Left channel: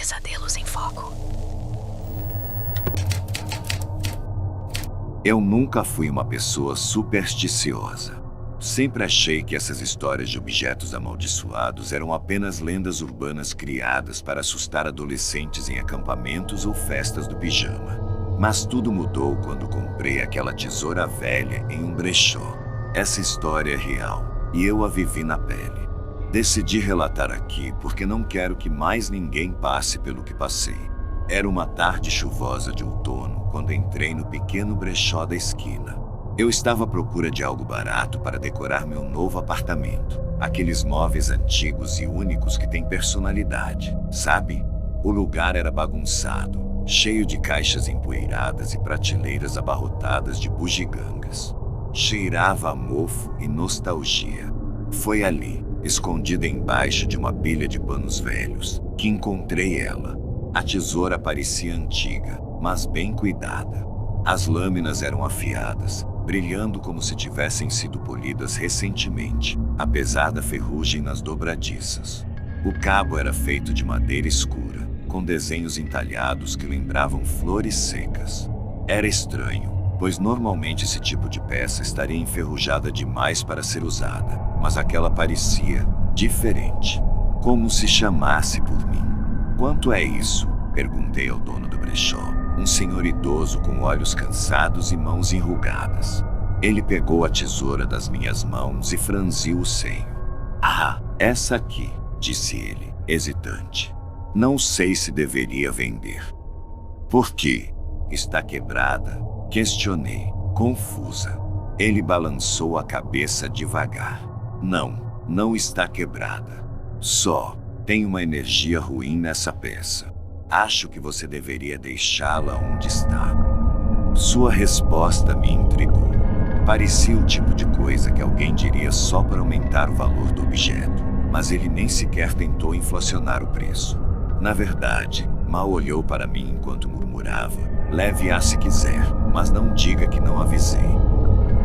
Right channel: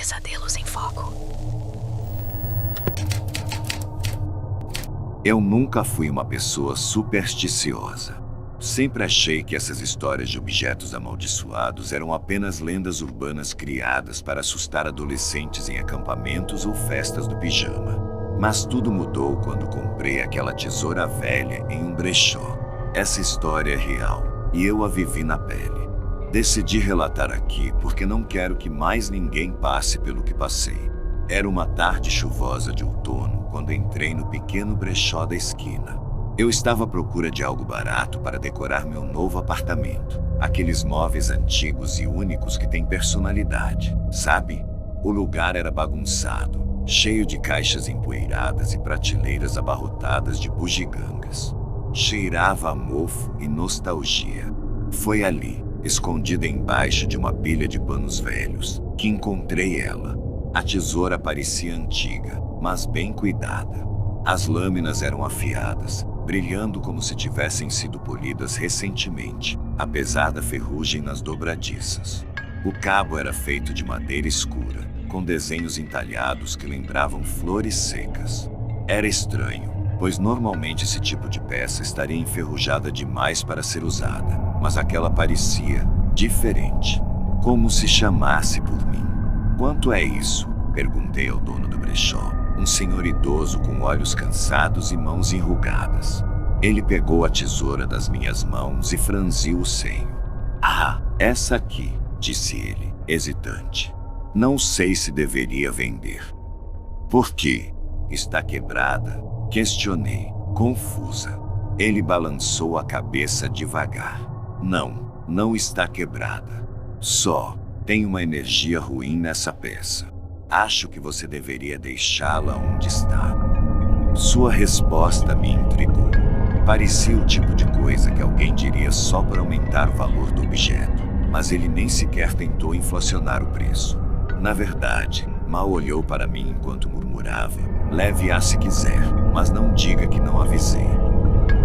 Pesadelos em Foco. Eu nunca fui uma pessoa supersticiosa. Sempre achei que essas histórias de objetos amaldiçoados eram apenas lendas urbanas criadas para assustar adolescentes em acampamentos ou festas do pijama. Mas tudo mudou quando comprei aquela tesoura velha em um brechó. Essa história é real e eu a vivi na pele. Decidi relatar aqui porque não quero que mais ninguém passe pelo que passei. Era uma tarde chuvosa de outono quando entrei no pequeno brechó da esquina. Eu estava à procura de algo barato para decorar meu novo apartamento. Aqueles móveis antigos e únicos que têm personalidade, sabe? O lugar era bagunçado, cheio de caixas empoeiradas e prateleiras abarrotadas de bugigangas. Cheirava a mofo e nostalgia. Foi ali, escondida embaixo de uma pilha de panos velhos, que encontrei ela. A tesoura parecia antiga, mas bem cuidada. As lâminas eram afiadas, brilhando como se tivessem sido polidas recentemente, apesar da ferrugem nas dobradiças. O cabo era feito de madeira escura, com desenhos entalhados que lembravam flores secas. Era estranho, pois normalmente esse tipo de peça estaria enferrujada demais para ser usada, mas aquela parecia diferente, como se chamasse por mim. "Quanto é isso?", perguntei ao dono do brechó, um senhor idoso com olhos cansados e mãos enrugadas. Ele pegou a tesoura das minhas mãos e franziu o senho. "Ah, essa aqui", disse ele, hesitante. "Não sei se deveria vender." "Por quê? Está quebrada?", questionei, confusa. Ele balançou a cabeça devagar. Não está quebrada. Só tem uma energia ruim nessa peça. Acho que você deveria deixá-la onde está." Sua resposta me intrigou. Parecia o tipo de coisa que alguém diria só para aumentar o valor do objeto, mas ele nem sequer tentou inflacionar o preço. Na verdade, mal olhou para mim enquanto murmurava: "Leve-a se quiser, mas não diga que não avisei."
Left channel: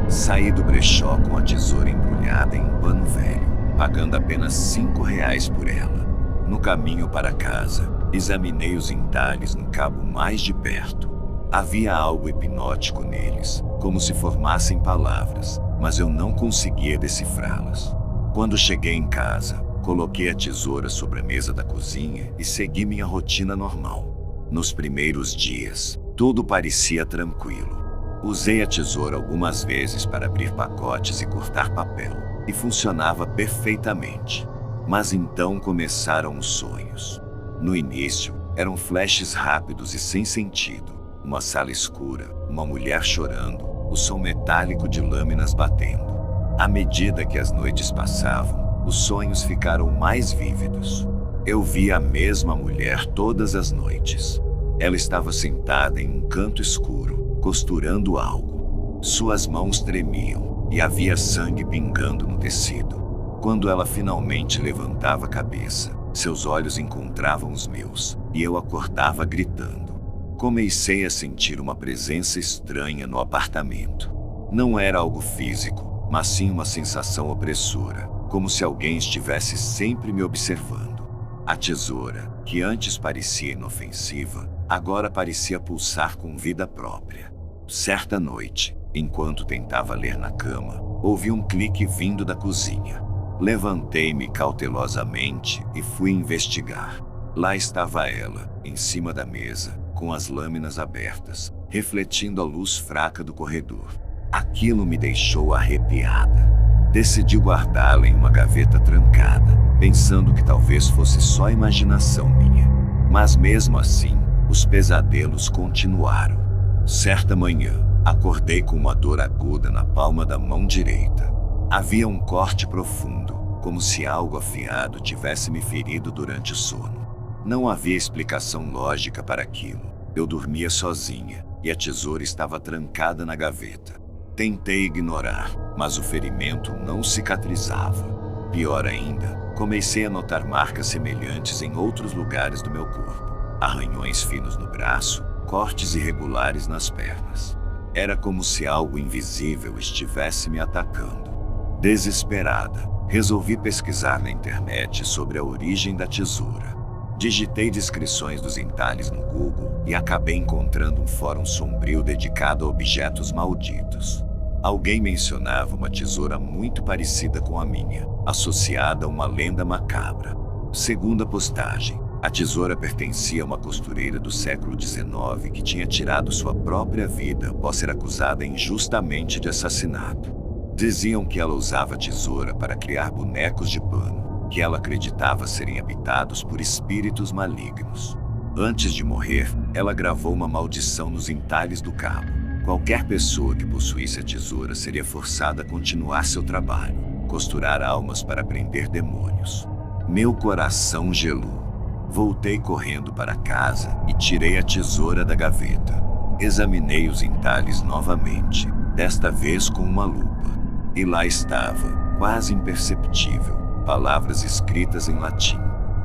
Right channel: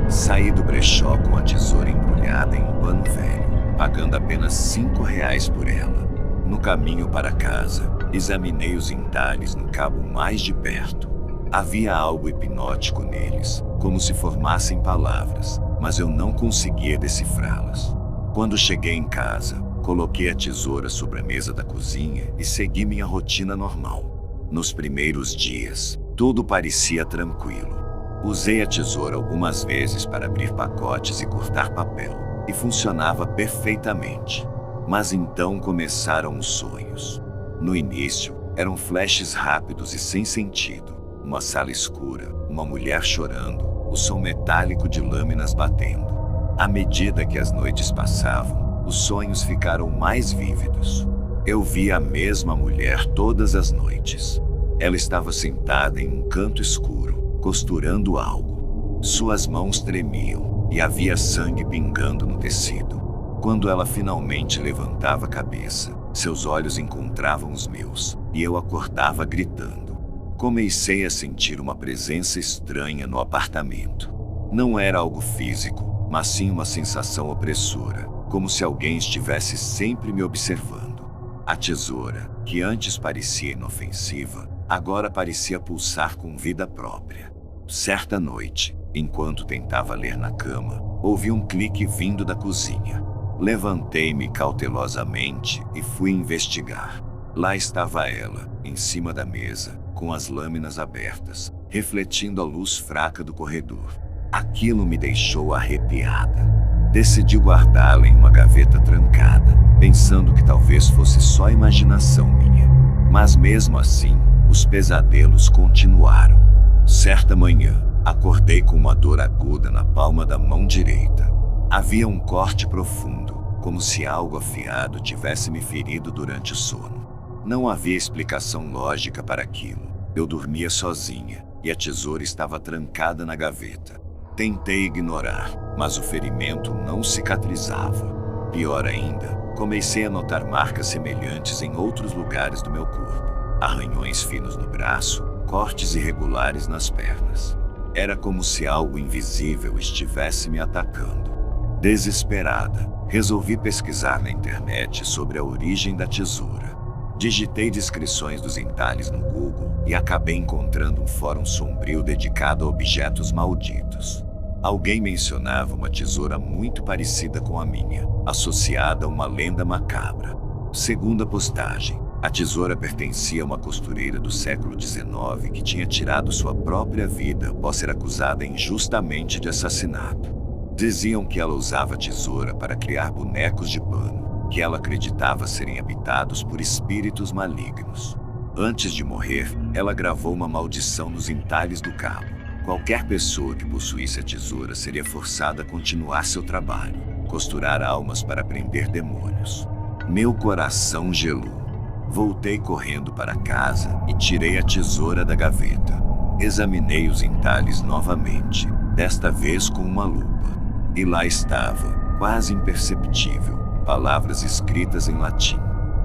Saí do brechó com a tesoura embrulhada em um pano velho, pagando apenas R$ 5 por ela. No caminho para casa, examinei os entalhes no cabo mais de perto. Havia algo hipnótico neles, como se formassem palavras, mas eu não conseguia decifrá-las. Quando cheguei em casa, coloquei a tesoura sobre a mesa da cozinha e segui minha rotina normal. Nos primeiros dias, tudo parecia tranquilo. Usei a tesoura algumas vezes para abrir pacotes e cortar papel, e funcionava perfeitamente. Mas então começaram os sonhos. No início, eram flashes rápidos e sem sentido. Uma sala escura, uma mulher chorando, o som metálico de lâminas batendo. À medida que as noites passavam, os sonhos ficaram mais vívidos. Eu via a mesma mulher todas as noites. Ela estava sentada em um canto escuro, costurando algo. Suas mãos tremiam e havia sangue pingando no tecido. Quando ela finalmente levantava a cabeça, seus olhos encontravam os meus, e eu acordava gritando. Comecei a sentir uma presença estranha no apartamento. Não era algo físico, mas sim uma sensação opressora, como se alguém estivesse sempre me observando. A tesoura, que antes parecia inofensiva, agora parecia pulsar com vida própria. Certa noite, enquanto tentava ler na cama, ouvi um clique vindo da cozinha. Levantei-me cautelosamente e fui investigar. Lá estava ela, em cima da mesa, com as lâminas abertas, refletindo a luz fraca do corredor. Aquilo me deixou arrepiada. Decidi guardá-la em uma gaveta trancada, pensando que talvez fosse só imaginação minha. Mas mesmo assim, os pesadelos continuaram. Certa manhã, acordei com uma dor aguda na palma da mão direita. Havia um corte profundo, como se algo afiado tivesse me ferido durante o sono. Não havia explicação lógica para aquilo. Eu dormia sozinha, e a tesoura estava trancada na gaveta. Tentei ignorar, mas o ferimento não cicatrizava. Pior ainda, comecei a notar marcas semelhantes em outros lugares do meu corpo. Arranhões finos no braço, cortes irregulares nas pernas. Era como se algo invisível estivesse me atacando. Desesperada, resolvi pesquisar na internet sobre a origem da tesoura. Digitei descrições dos entalhes no Google e acabei encontrando um fórum sombrio dedicado a objetos malditos. Alguém mencionava uma tesoura muito parecida com a minha, associada a uma lenda macabra. Segundo a postagem, a tesoura pertencia a uma costureira do século XIX que tinha tirado sua própria vida após ser acusada injustamente de assassinato. Diziam que ela usava a tesoura para criar bonecos de pano, que ela acreditava serem habitados por espíritos malignos. Antes de morrer, ela gravou uma maldição nos entalhes do cabo. Qualquer pessoa que possuísse a tesoura seria forçada a continuar seu trabalho, costurar almas para prender demônios. Meu coração gelou. Voltei correndo para casa e tirei a tesoura da gaveta. Examinei os entalhes novamente, desta vez com uma lupa. E lá estava, quase imperceptível, palavras escritas em latim.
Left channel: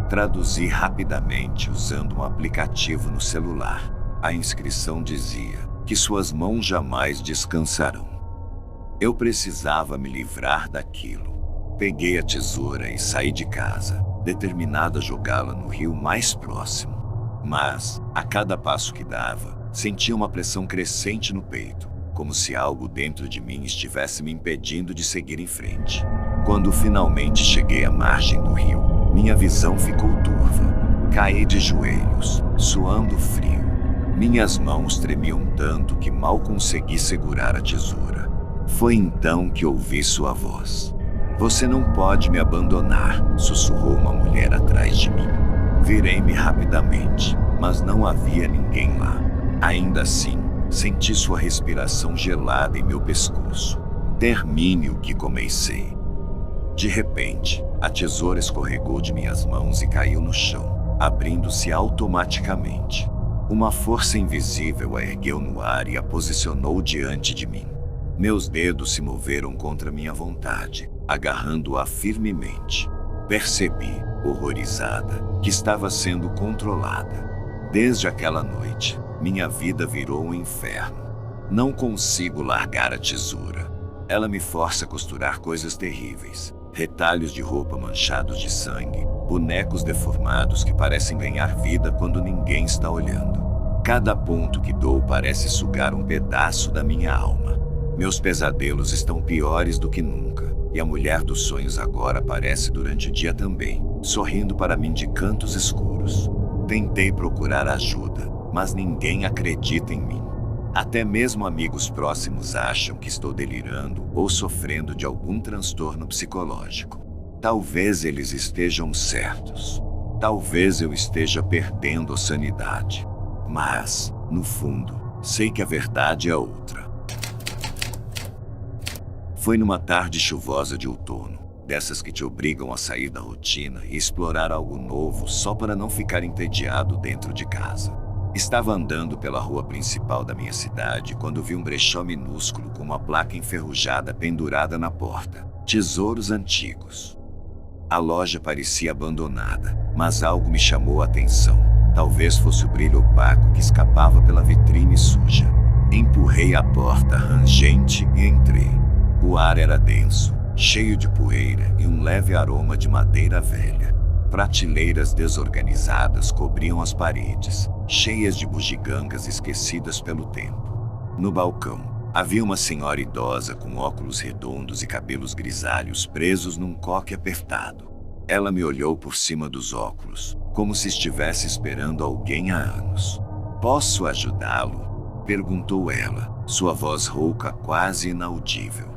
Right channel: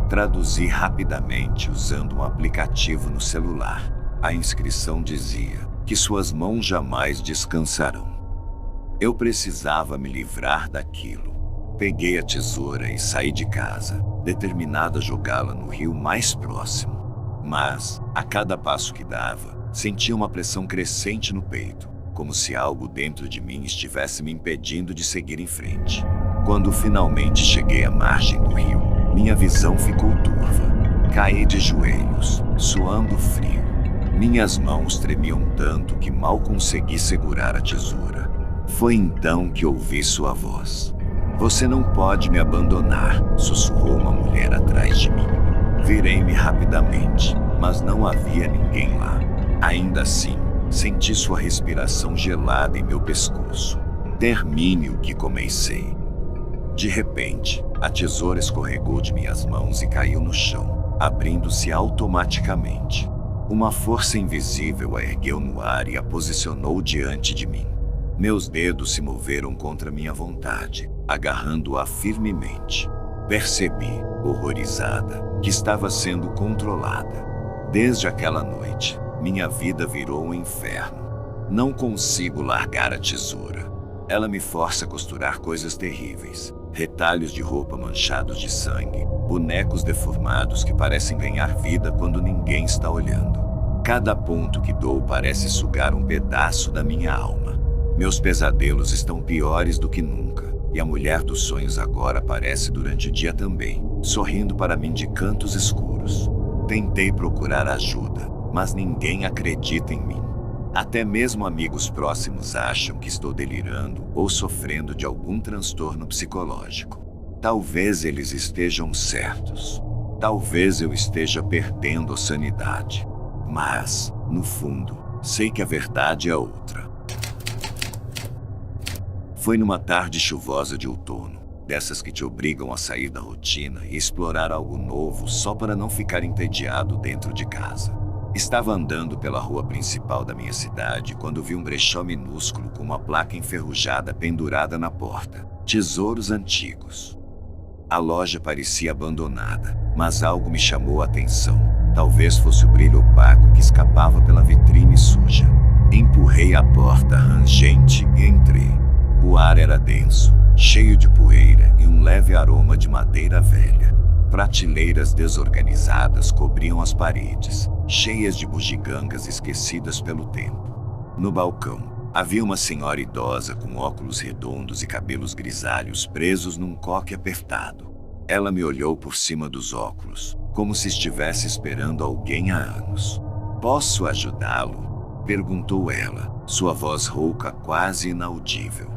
Traduzi rapidamente usando um aplicativo no celular. A inscrição dizia que suas mãos jamais descansarão. Eu precisava me livrar daquilo. Peguei a tesoura e saí de casa, determinado a jogá-la no rio mais próximo. Mas, a cada passo que dava, sentia uma pressão crescente no peito, como se algo dentro de mim estivesse me impedindo de seguir em frente. Quando finalmente cheguei à margem do rio, minha visão ficou turva. Caí de joelhos, suando frio. Minhas mãos tremiam tanto que mal consegui segurar a tesoura. Foi então que ouvi sua voz. "Você não pode me abandonar", sussurrou uma mulher atrás de mim. Virei-me rapidamente, mas não havia ninguém lá. Ainda assim, senti sua respiração gelada em meu pescoço. Termine o que comecei. De repente, a tesoura escorregou de minhas mãos e caiu no chão, abrindo-se automaticamente. Uma força invisível a ergueu no ar e a posicionou diante de mim. Meus dedos se moveram contra minha vontade, agarrando-a firmemente. Percebi, horrorizada, que estava sendo controlada. Desde aquela noite, minha vida virou um inferno. Não consigo largar a tesoura. Ela me força a costurar coisas terríveis. Retalhos de roupa manchados de sangue, bonecos deformados que parecem ganhar vida quando ninguém está olhando. Cada ponto que dou parece sugar um pedaço da minha alma. Meus pesadelos estão piores do que nunca, e a mulher dos sonhos agora aparece durante o dia também, sorrindo para mim de cantos escuros. Tentei procurar ajuda, mas ninguém acredita em mim. Até mesmo amigos próximos acham que estou delirando ou sofrendo de algum transtorno psicológico. Talvez eles estejam certos. Talvez eu esteja perdendo a sanidade. Mas, no fundo, sei que a verdade é outra. Foi numa tarde chuvosa de outono, dessas que te obrigam a sair da rotina e explorar algo novo só para não ficar entediado dentro de casa. Estava andando pela rua principal da minha cidade quando vi um brechó minúsculo com uma placa enferrujada pendurada na porta. Tesouros antigos. A loja parecia abandonada, mas algo me chamou a atenção. Talvez fosse o brilho opaco que escapava pela vitrine suja. Empurrei a porta rangente e entrei. O ar era denso, cheio de poeira e um leve aroma de madeira velha. Prateleiras desorganizadas cobriam as paredes, cheias de bugigangas esquecidas pelo tempo. No balcão, havia uma senhora idosa com óculos redondos e cabelos grisalhos presos num coque apertado. Ela me olhou por cima dos óculos, como se estivesse esperando alguém há anos. "Posso ajudá-lo?", perguntou ela, sua voz rouca quase inaudível.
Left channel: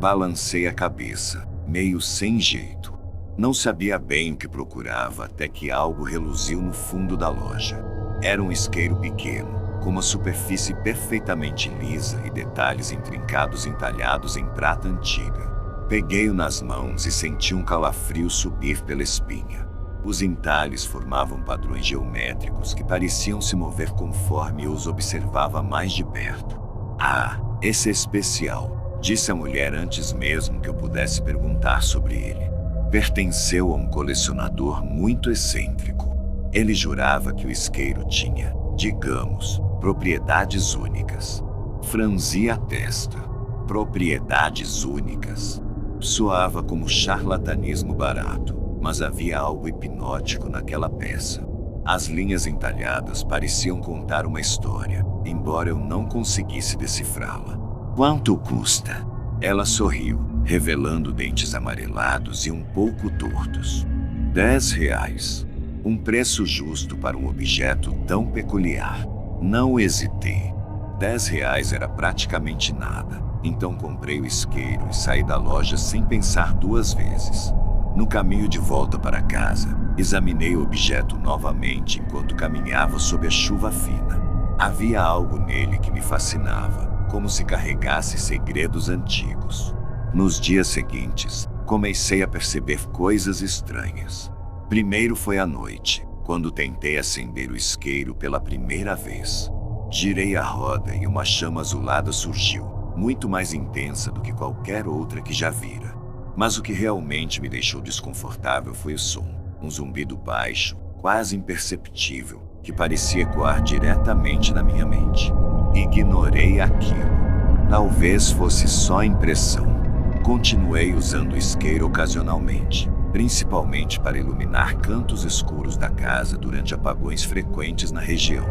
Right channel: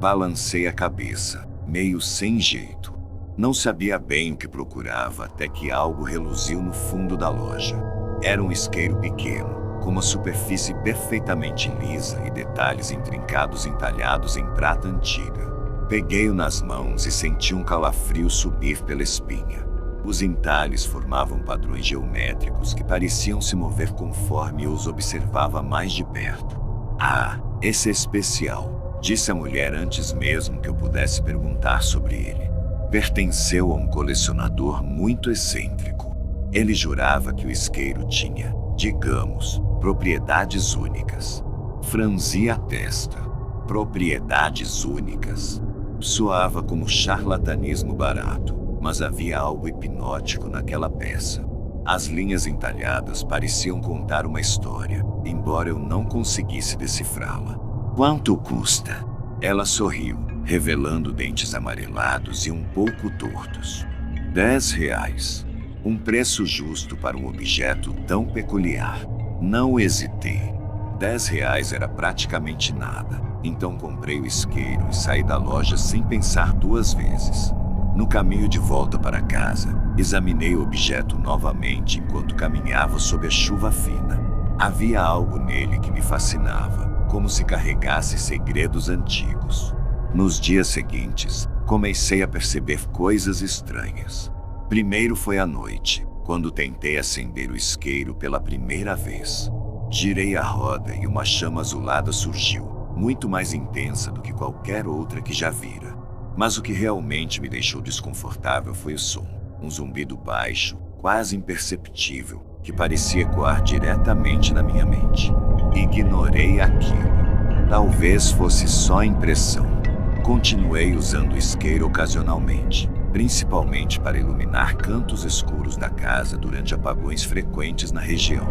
Balancei a cabeça, meio sem jeito. Não sabia bem o que procurava até que algo reluziu no fundo da loja. Era um isqueiro pequeno, com uma superfície perfeitamente lisa e detalhes intrincados entalhados em prata antiga. Peguei-o nas mãos e senti um calafrio subir pela espinha. Os entalhes formavam padrões geométricos que pareciam se mover conforme eu os observava mais de perto. "Ah, esse é especial", disse a mulher antes mesmo que eu pudesse perguntar sobre ele. Pertenceu a um colecionador muito excêntrico. Ele jurava que o isqueiro tinha, digamos, propriedades únicas. Franzi a testa. Propriedades únicas. Soava como charlatanismo barato, mas havia algo hipnótico naquela peça. As linhas entalhadas pareciam contar uma história, embora eu não conseguisse decifrá-la. Quanto custa? Ela sorriu, revelando dentes amarelados e um pouco tortos. R$ 10. Um preço justo para um objeto tão peculiar. Não hesitei. R$ 10 era praticamente nada, então comprei o isqueiro e saí da loja sem pensar duas vezes. No caminho de volta para casa, examinei o objeto novamente enquanto caminhava sob a chuva fina. Havia algo nele que me fascinava, como se carregasse segredos antigos. Nos dias seguintes, comecei a perceber coisas estranhas. Primeiro foi à noite, quando tentei acender o isqueiro pela primeira vez. Girei a roda e uma chama azulada surgiu, muito mais intensa do que qualquer outra que já vira. Mas o que realmente me deixou desconfortável foi o som, um zumbido baixo, quase imperceptível, que parecia ecoar diretamente na minha mente. Ignorei aquilo. Talvez fosse só impressão. Continuei usando o isqueiro ocasionalmente, principalmente para iluminar cantos escuros da casa durante apagões frequentes na região.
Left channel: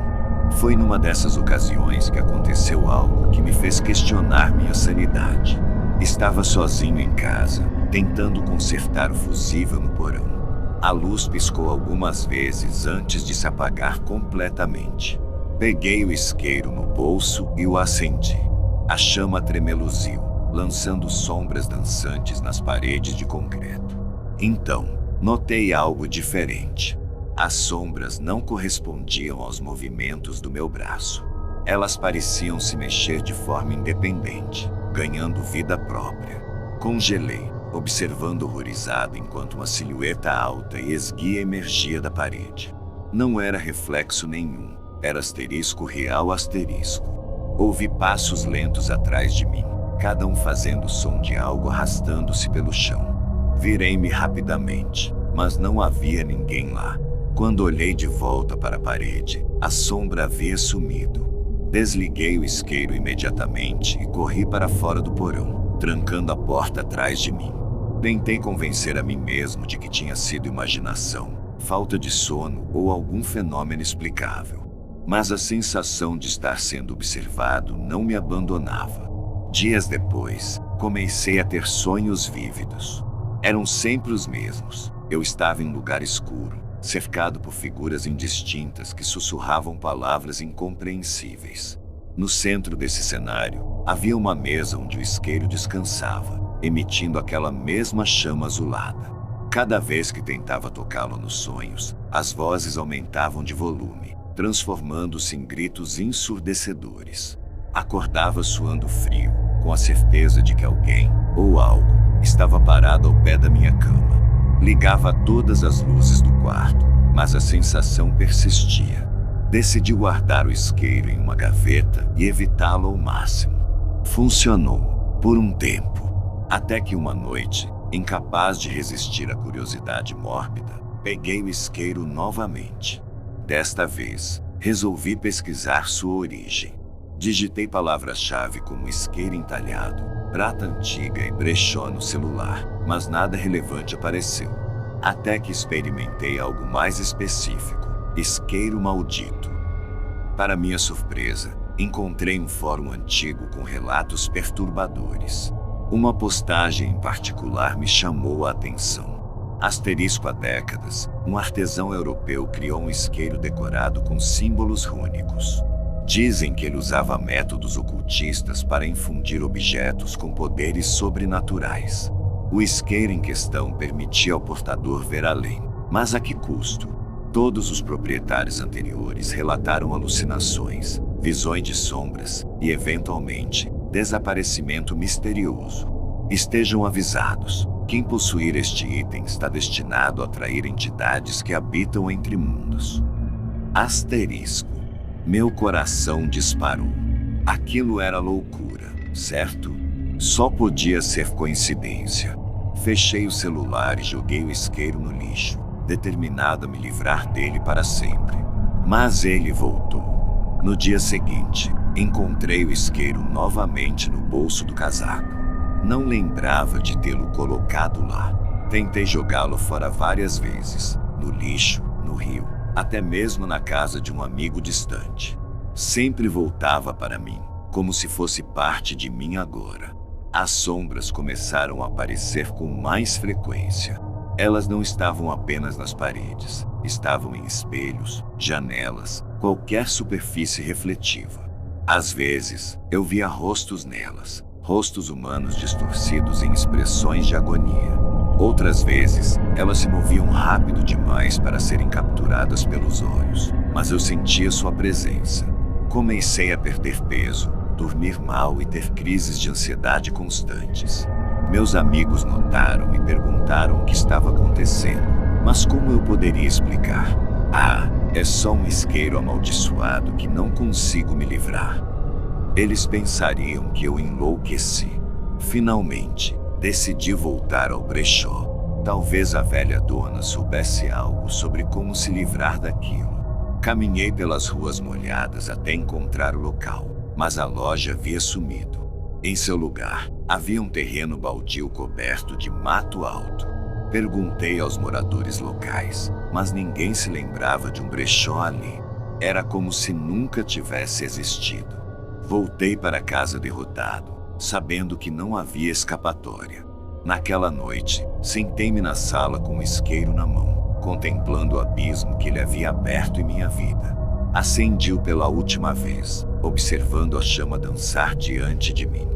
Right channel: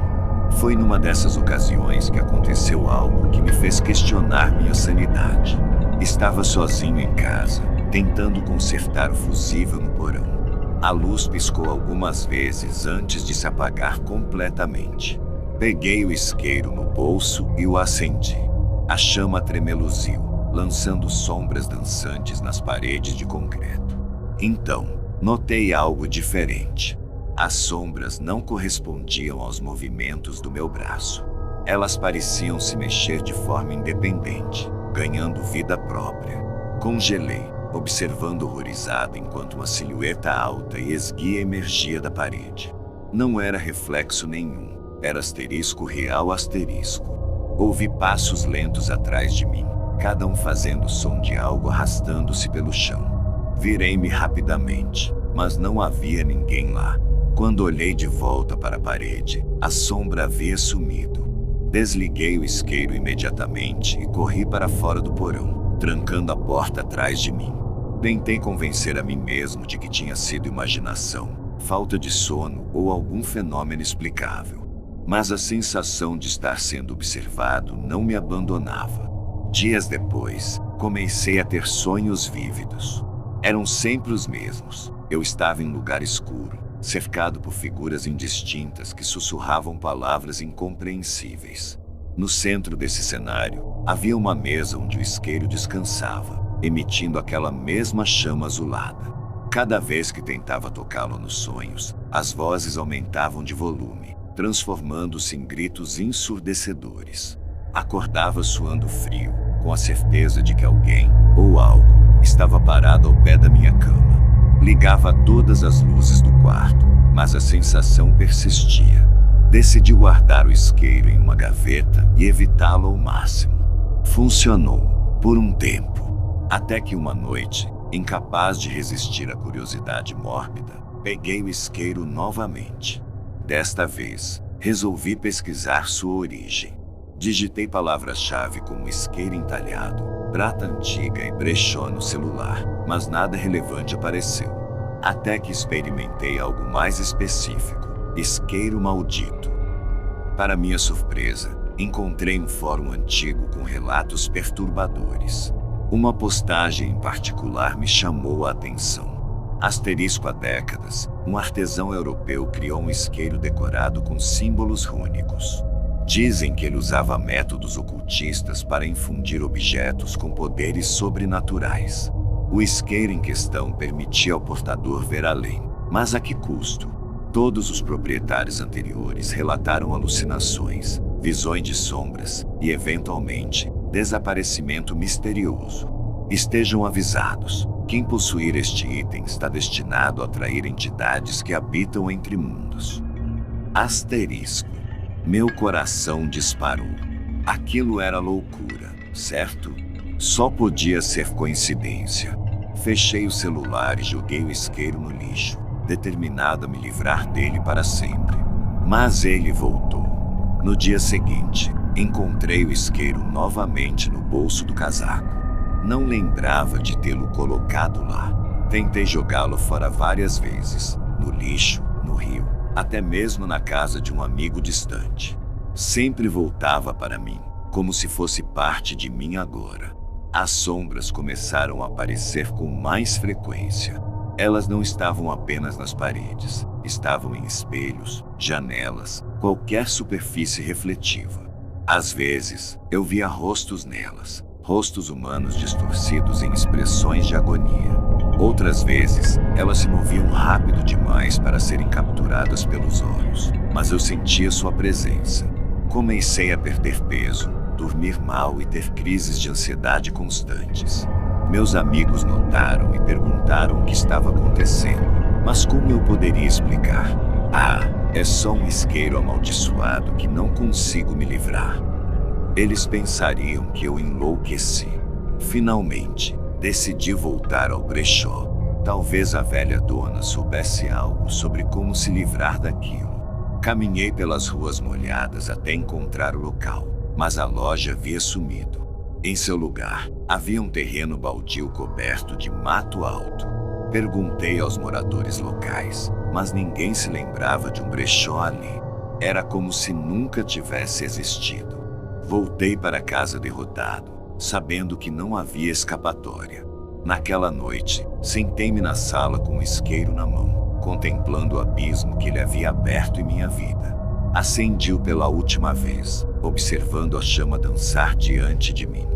Foi numa dessas ocasiões que aconteceu algo que me fez questionar minha sanidade. Estava sozinho em casa, tentando consertar o fusível no porão. A luz piscou algumas vezes antes de se apagar completamente. Peguei o isqueiro no bolso e o acendi. A chama tremeluziu, lançando sombras dançantes nas paredes de concreto. Então, notei algo diferente. As sombras não correspondiam aos movimentos do meu braço. Elas pareciam se mexer de forma independente, ganhando vida própria. Congelei, observando horrorizado enquanto uma silhueta alta e esguia emergia da parede. Não era reflexo nenhum, era asterisco real asterisco. Ouvi passos lentos atrás de mim, cada um fazendo o som de algo arrastando-se pelo chão. Virei-me rapidamente, mas não havia ninguém lá. Quando olhei de volta para a parede, a sombra havia sumido. Desliguei o isqueiro imediatamente e corri para fora do porão, trancando a porta atrás de mim. Tentei convencer a mim mesmo de que tinha sido imaginação, falta de sono ou algum fenômeno explicável. Mas a sensação de estar sendo observado não me abandonava. Dias depois, comecei a ter sonhos vívidos. Eram sempre os mesmos. Eu estava em lugar escuro, cercado por figuras indistintas que sussurravam palavras incompreensíveis. No centro desse cenário, havia uma mesa onde o isqueiro descansava, emitindo aquela mesma chama azulada. Cada vez que tentava tocá-lo nos sonhos, as vozes aumentavam de volume, transformando-se em gritos ensurdecedores. Acordava suando frio, com a certeza de que alguém, ou algo, estava parado ao pé da minha cama. Ligava todas as luzes do quarto, mas a sensação persistia. Decidi guardar o isqueiro em uma gaveta e evitá-lo ao máximo. Funcionou, por um tempo. Até que uma noite, incapaz de resistir à curiosidade mórbida, peguei o isqueiro novamente. Desta vez, resolvi pesquisar sua origem. Digitei palavras-chave como isqueiro entalhado, prata antiga e brechó no celular, mas nada relevante apareceu. Até que experimentei algo mais específico: isqueiro maldito. Para minha surpresa, encontrei um fórum antigo com relatos perturbadores. Uma postagem em particular me chamou a atenção. Asterisco há décadas, um artesão europeu criou um isqueiro decorado com símbolos rúnicos. Dizem que ele usava métodos ocultistas para infundir objetos com poderes sobrenaturais. O isqueiro em questão permitia ao portador ver além, mas a que custo? Todos os proprietários anteriores relataram alucinações, visões de sombras e, eventualmente, desaparecimento misterioso. Estejam avisados, quem possuir este item está destinado a atrair entidades que habitam entre mundos. Asterisco. Meu coração disparou. Aquilo era loucura, certo? Só podia ser coincidência. Fechei o celular e joguei o isqueiro no lixo, determinado a me livrar dele para sempre. Mas ele voltou. No dia seguinte, encontrei o isqueiro novamente no bolso do casaco. Não lembrava de tê-lo colocado lá. Tentei jogá-lo fora várias vezes, no lixo, no rio, até mesmo na casa de um amigo distante. Sempre voltava para mim, como se fosse parte de mim agora. As sombras começaram a aparecer com mais frequência. Elas não estavam apenas nas paredes, estavam em espelhos, janelas, qualquer superfície refletiva. Às vezes, eu via rostos nelas, rostos humanos distorcidos em expressões de agonia. Outras vezes, elas se moviam rápido demais para serem capturadas pelos olhos, mas eu sentia sua presença. Comecei a perder peso, dormir mal e ter crises de ansiedade constantes. Meus amigos notaram e perguntaram o que estava acontecendo, mas como eu poderia explicar? Ah, é só um isqueiro amaldiçoado que não consigo me livrar. Eles pensariam que eu enlouqueci. Finalmente, decidi voltar ao brechó. Talvez a velha dona soubesse algo sobre como se livrar daquilo. Caminhei pelas ruas molhadas até encontrar o local, mas a loja havia sumido. Em seu lugar, havia um terreno baldio coberto de mato alto. Perguntei aos moradores locais, mas ninguém se lembrava de um brechó ali. Era como se nunca tivesse existido. Voltei para casa derrotado, sabendo que não havia escapatória. Naquela noite, sentei-me na sala com o isqueiro na mão, contemplando o abismo que ele havia aberto em minha vida. Acendi-o pela última vez, observando a chama dançar diante de mim.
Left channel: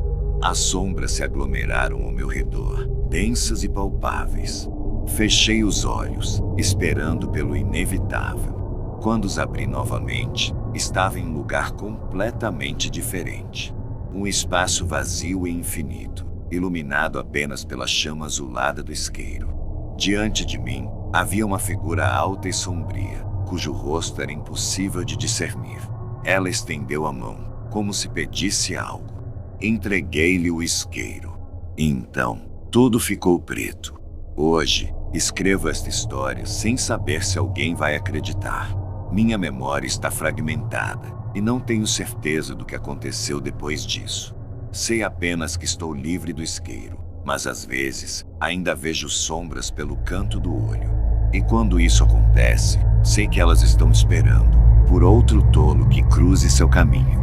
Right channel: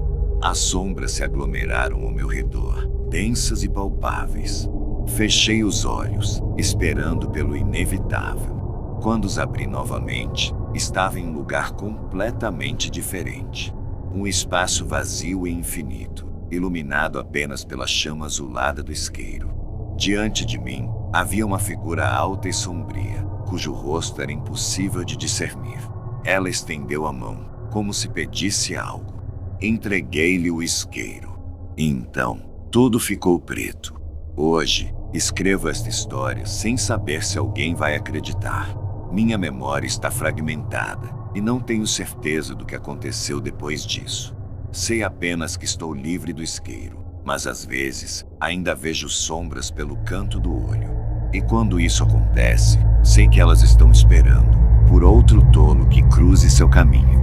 As sombras se aglomeraram ao meu redor, densas e palpáveis. Fechei os olhos, esperando pelo inevitável. Quando os abri novamente, estava em um lugar completamente diferente. Um espaço vazio e infinito, iluminado apenas pela chama azulada do isqueiro. Diante de mim, havia uma figura alta e sombria, cujo rosto era impossível de discernir. Ela estendeu a mão, como se pedisse algo. Entreguei-lhe o isqueiro. E então, tudo ficou preto. Hoje, escrevo esta história sem saber se alguém vai acreditar. Minha memória está fragmentada, e não tenho certeza do que aconteceu depois disso. Sei apenas que estou livre do isqueiro, mas às vezes, ainda vejo sombras pelo canto do olho. E quando isso acontece, sei que elas estão esperando por outro tolo que cruze seu caminho.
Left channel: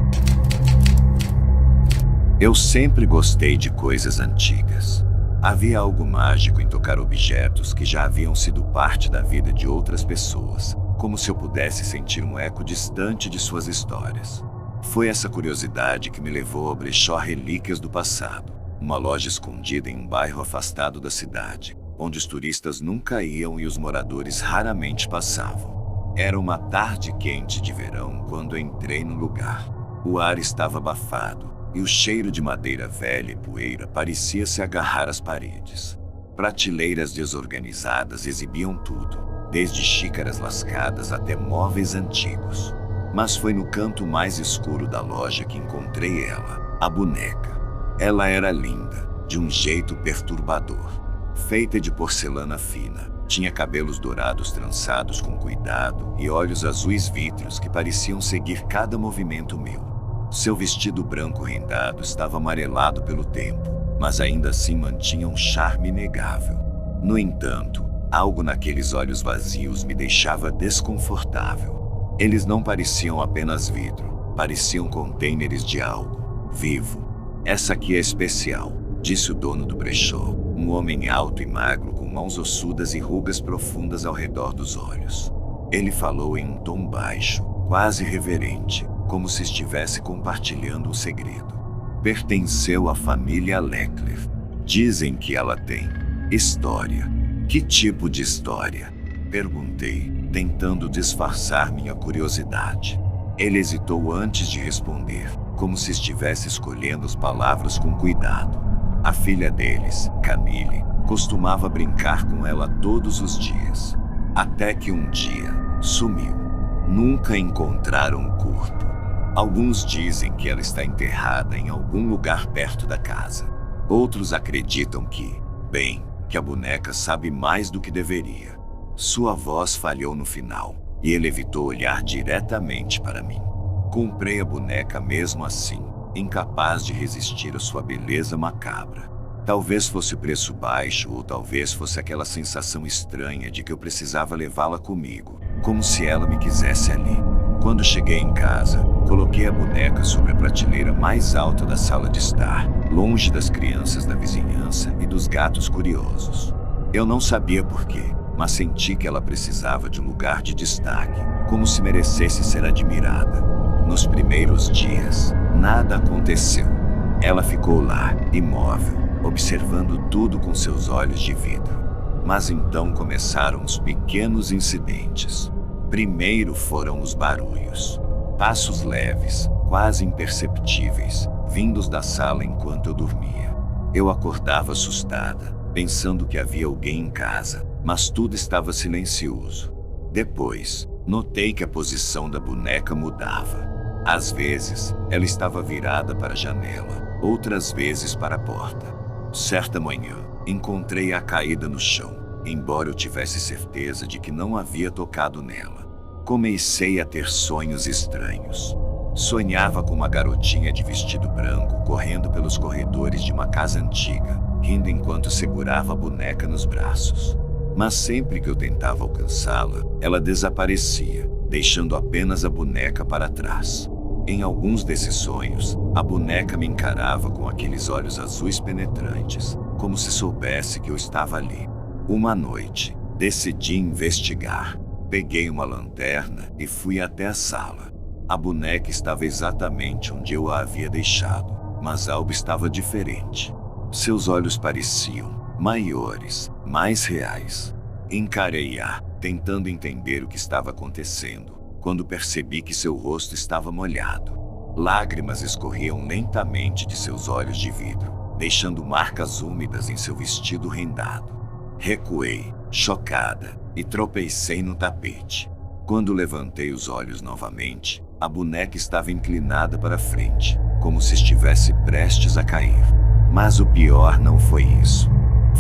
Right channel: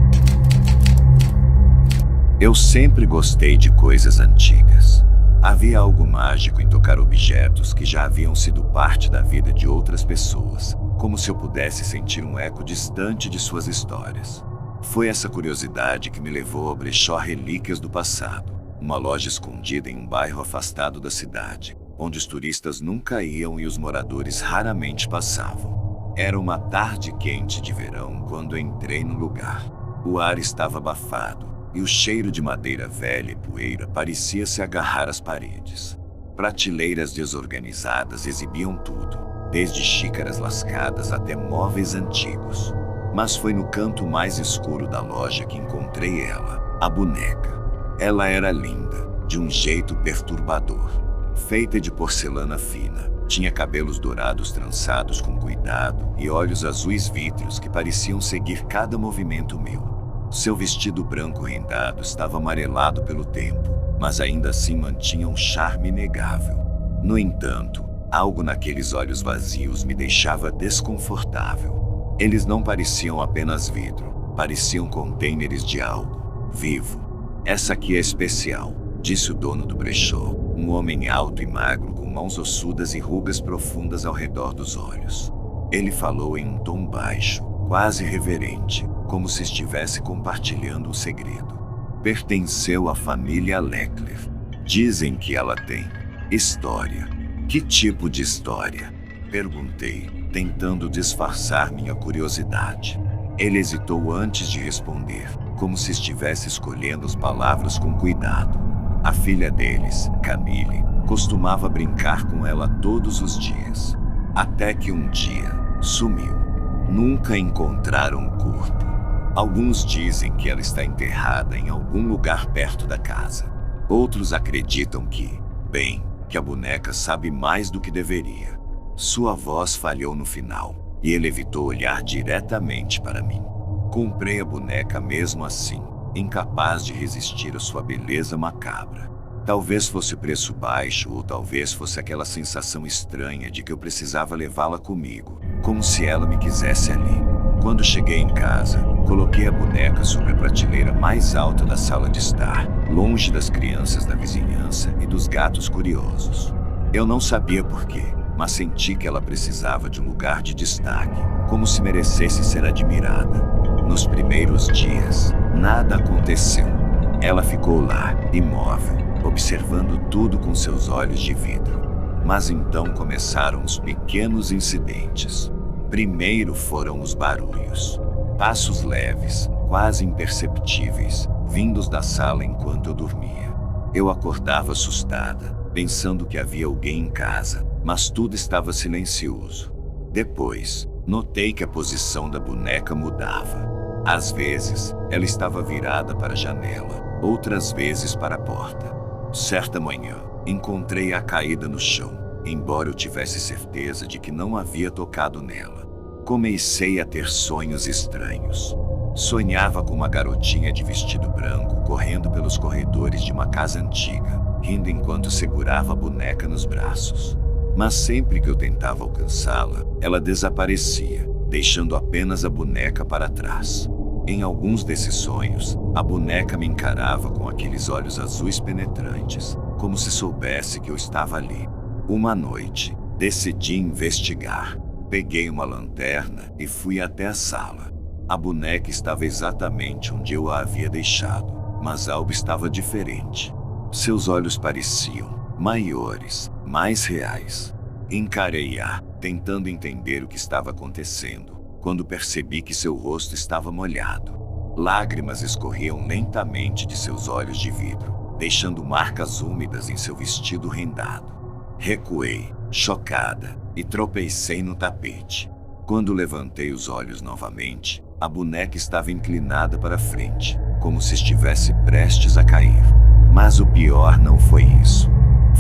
Eu sempre gostei de coisas antigas. Havia algo mágico em tocar objetos que já haviam sido parte da vida de outras pessoas, como se eu pudesse sentir um eco distante de suas histórias. Foi essa curiosidade que me levou ao brechó Relíquias do Passado, uma loja escondida em um bairro afastado da cidade, onde os turistas nunca iam e os moradores raramente passavam. Era uma tarde quente de verão quando entrei no lugar. O ar estava abafado, e o cheiro de madeira velha e poeira parecia se agarrar às paredes. Prateleiras desorganizadas exibiam tudo, desde xícaras lascadas até móveis antigos. Mas foi no canto mais escuro da loja que encontrei ela, a boneca. Ela era linda, de um jeito perturbador. Feita de porcelana fina, tinha cabelos dourados trançados com cuidado e olhos azuis vítreos que pareciam seguir cada movimento meu. Seu vestido branco rendado estava amarelado pelo tempo, mas ainda assim mantinha um charme inegável. No entanto, algo naqueles olhos vazios me deixava desconfortável. Eles não pareciam apenas vidro, pareciam contêineres de algo vivo. Essa aqui é especial, disse o dono do brechó, um homem alto e magro com mãos ossudas e rugas profundas ao redor dos olhos. Ele falou em um tom baixo, quase reverente, como se estivesse compartilhando um segredo. Pertenceu à família Leckler. Dizem que ela tem história. Que tipo de história? Perguntei, tentando disfarçar minha curiosidade. Ele hesitou antes de responder, como se estivesse escolhendo as palavras com cuidado. A filha deles, Camille, costumava brincar com ela todos os dias. Até que um dia, sumiu. Nunca encontraram o corpo. Alguns dizem que ela está enterrada em algum lugar perto da casa. Outros acreditam que a boneca sabe mais do que deveria. Sua voz falhou no final, e ele evitou olhar diretamente para mim. Comprei a boneca mesmo assim, incapaz de resistir à sua beleza macabra. Talvez fosse o preço baixo, ou talvez fosse aquela sensação estranha de que eu precisava levá-la comigo. como se ela me quisesse ali. Quando cheguei em casa, coloquei a boneca sobre a prateleira mais alta da sala de estar, longe das crianças da vizinhança e dos gatos curiosos. Eu não sabia por quê, mas senti que ela precisava de um lugar de destaque, como se merecesse ser admirada. Nos primeiros dias, nada aconteceu. Ela ficou lá, imóvel, observando tudo com seus olhos de vidro. Mas então começaram os pequenos incidentes. Primeiro foram os barulhos. Passos leves, quase imperceptíveis, vindos da sala enquanto eu dormia. Eu acordava assustada, pensando que havia alguém em casa, mas tudo estava silencioso. Depois, notei que a posição da boneca mudava. Às vezes, ela estava virada para a janela, outras vezes para a porta. Certa manhã, encontrei-a caída no chão, embora eu tivesse certeza de que não havia tocado nela. Comecei a ter sonhos estranhos. Sonhava com uma garotinha de vestido branco correndo pelos corredores de uma casa antiga, rindo enquanto segurava a boneca nos braços. Mas sempre que eu tentava alcançá-la, ela desaparecia, deixando apenas a boneca para trás. Em alguns desses sonhos, a boneca me encarava com aqueles olhos azuis penetrantes, como se soubesse que eu estava ali. Uma noite, decidi investigar. Peguei uma lanterna e fui até a sala. A boneca estava exatamente onde eu a havia deixado, mas algo estava diferente. Seus olhos pareciam maiores, mais reais. Encarei-a, tentando entender o que estava acontecendo, quando percebi que seu rosto estava molhado. Lágrimas escorriam lentamente de seus olhos de vidro, deixando marcas úmidas em seu vestido rendado. Recuei, chocada, e tropecei no tapete. Quando levantei os olhos novamente, a boneca estava inclinada para frente, como se estivesse prestes a cair. Mas o pior não foi isso.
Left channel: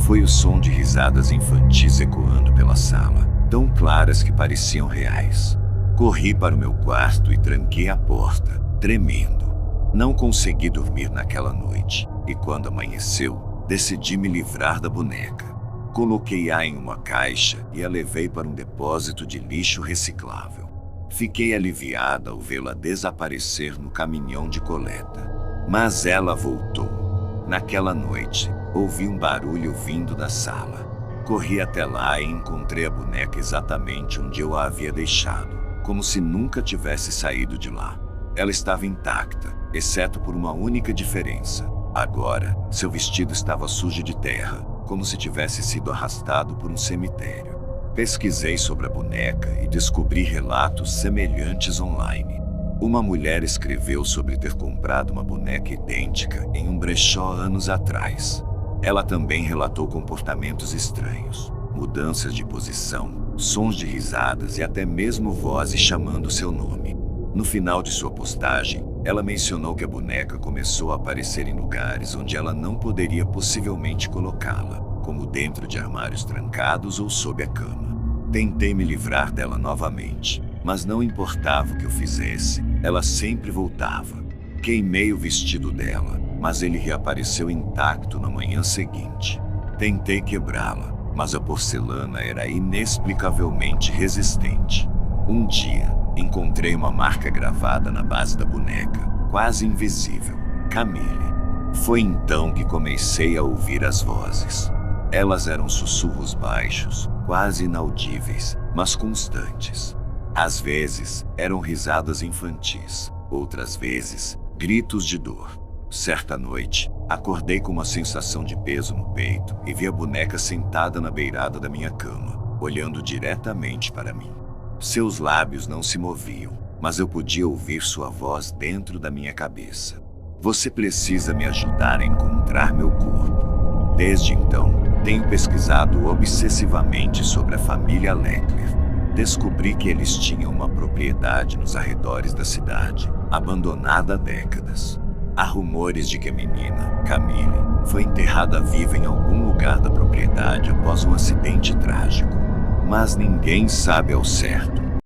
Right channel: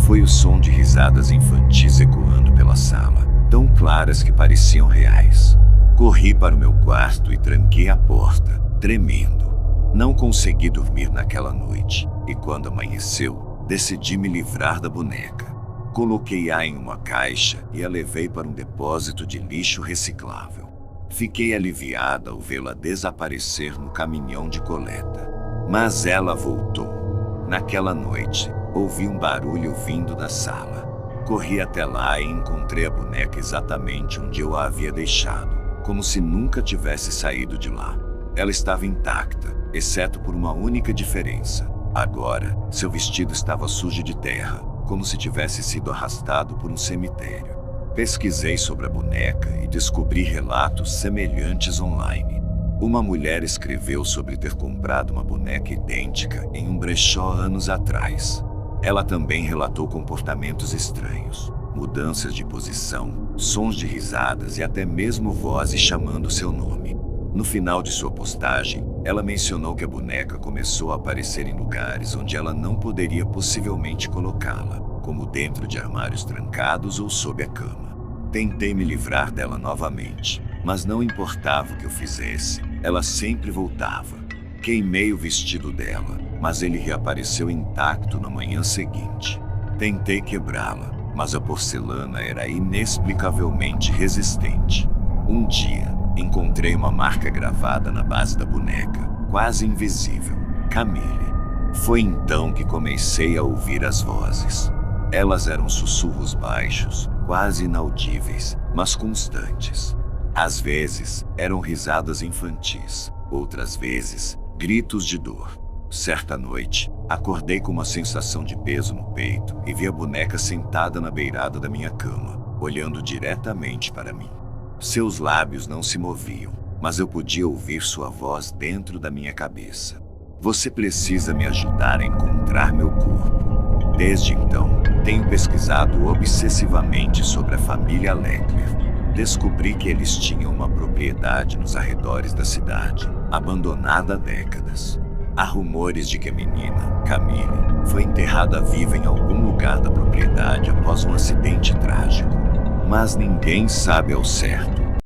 Foi o som de risadas infantis ecoando pela sala, tão claras que pareciam reais. Corri para o meu quarto e tranquei a porta, tremendo. Não consegui dormir naquela noite, e quando amanheceu, decidi me livrar da boneca. Coloquei-a em uma caixa e a levei para um depósito de lixo reciclável. Fiquei aliviada ao vê-la desaparecer no caminhão de coleta. Mas ela voltou. Naquela noite, ouvi um barulho vindo da sala. Corri até lá e encontrei a boneca exatamente onde eu a havia deixado, como se nunca tivesse saído de lá. Ela estava intacta, exceto por uma única diferença. Agora, seu vestido estava sujo de terra, como se tivesse sido arrastado por um cemitério. Pesquisei sobre a boneca e descobri relatos semelhantes online. Uma mulher escreveu sobre ter comprado uma boneca idêntica em um brechó anos atrás. Ela também relatou comportamentos estranhos, mudanças de posição, sons de risadas e até mesmo vozes chamando seu nome. No final de sua postagem, ela mencionou que a boneca começou a aparecer em lugares onde ela não poderia possivelmente colocá-la, como dentro de armários trancados ou sob a cama. Tentei me livrar dela novamente, mas não importava o que eu fizesse, ela sempre voltava. Queimei o vestido dela, mas ele reapareceu intacto na manhã seguinte. Tentei quebrá-la, mas a porcelana era inexplicavelmente resistente. Um dia, encontrei uma marca gravada na base da boneca, quase invisível. Camille. Foi então que comecei a ouvir as vozes. Elas eram sussurros baixos, quase inaudíveis, mas constantes. Às vezes, eram risadas infantis, outras vezes, gritos de dor. Certa noite, acordei com uma sensação de peso no peito e vi a boneca sentada na beirada da minha cama, olhando diretamente para mim. Seus lábios não se moviam, mas eu podia ouvir sua voz dentro da minha cabeça. Você precisa me ajudar a encontrar meu corpo. Desde então, tenho pesquisado obsessivamente sobre a família Leckler. Descobri que eles tinham uma propriedade nos arredores da cidade, abandonada há décadas. Há rumores de que a menina, Camille, foi enterrada viva em algum lugar da propriedade após um acidente trágico. Mas ninguém sabe ao certo.